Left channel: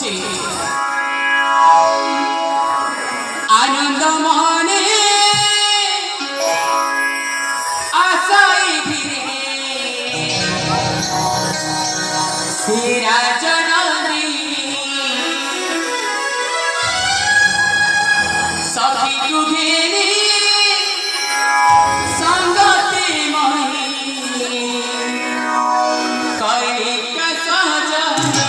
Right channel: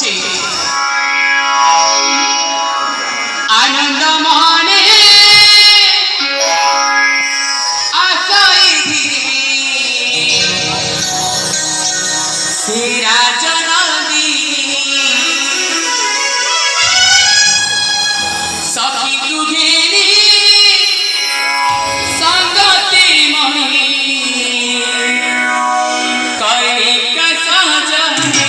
उठुचे आनंद मने आसाई धीरे तेरा जनादी सखी तुझे संगते मही करे कसा जाने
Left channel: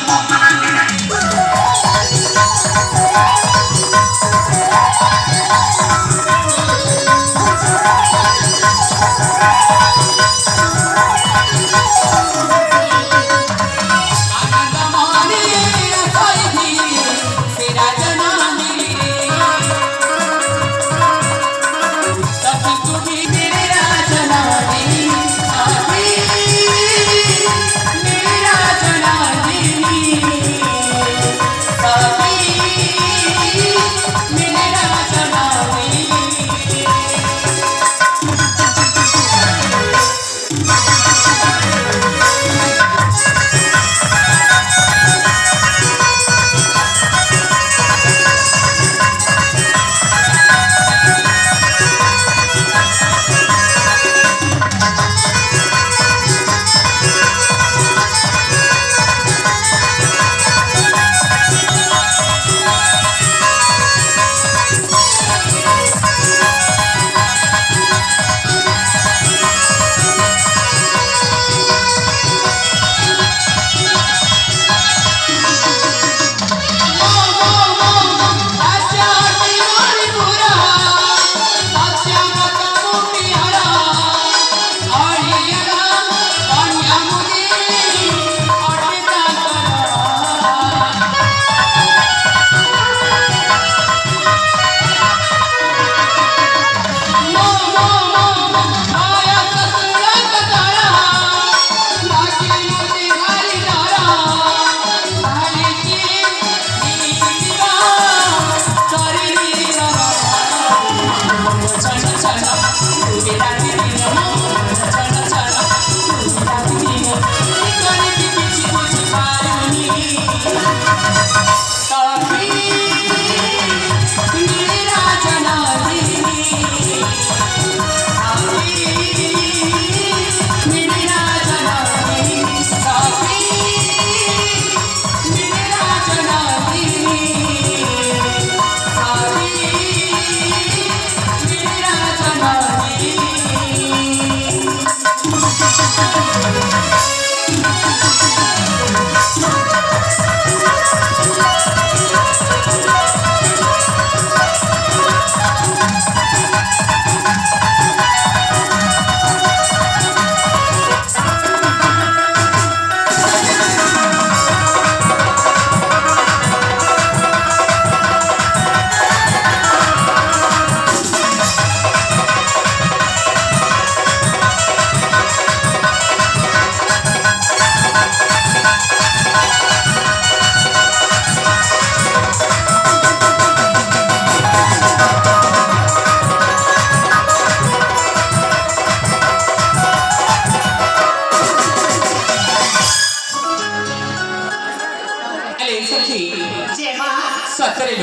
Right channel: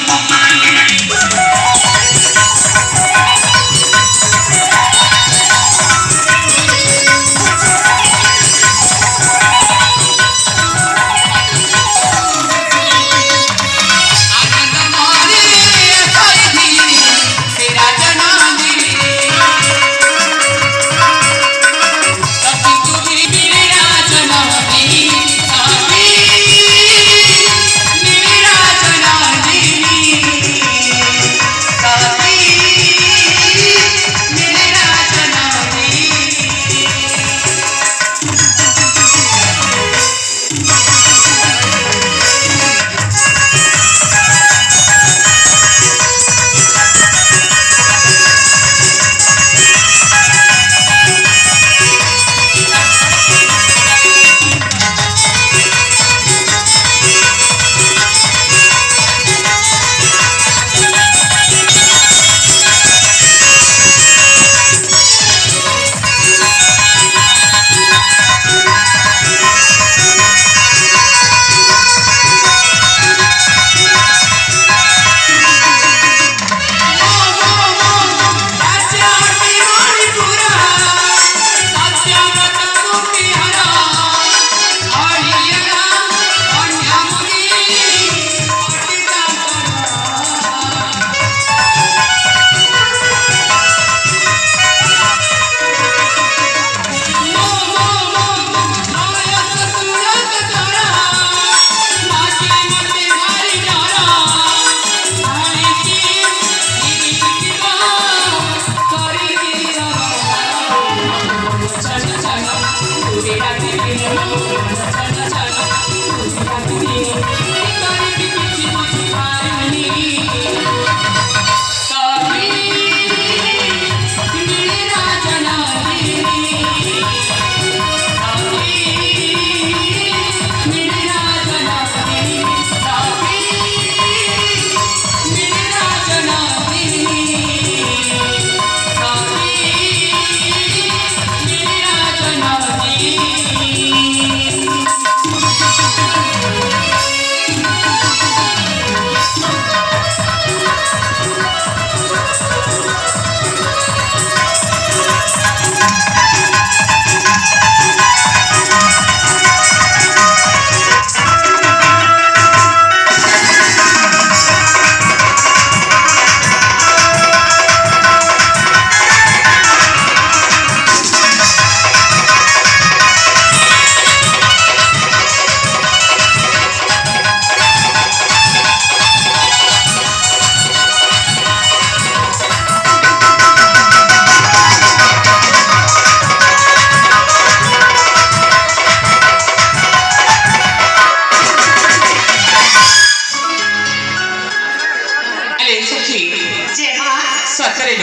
सतरे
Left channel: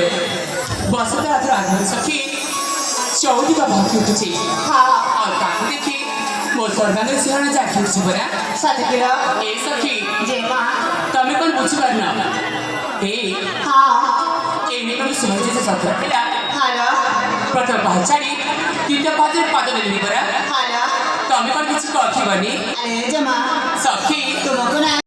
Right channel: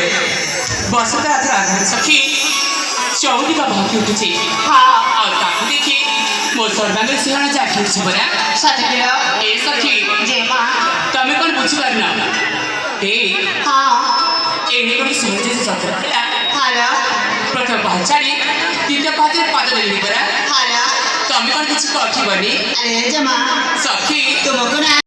बसता राघव सखी चौदी का भाग्य उठुचे हाँ और ताकू देखी मोर सर्वांग सिंहण जाकी उठुचे बरा सतरे ए सखी जे मां तमे कोन बुझी करना ए हाँ एने कोन सिंहण जे सतरा हला हारा प्रथम भाचाडी तिथे पाते पाद दिली बरा हारा तमे कोन किछि कथि बनी अरे जे मां सखी तुमको ना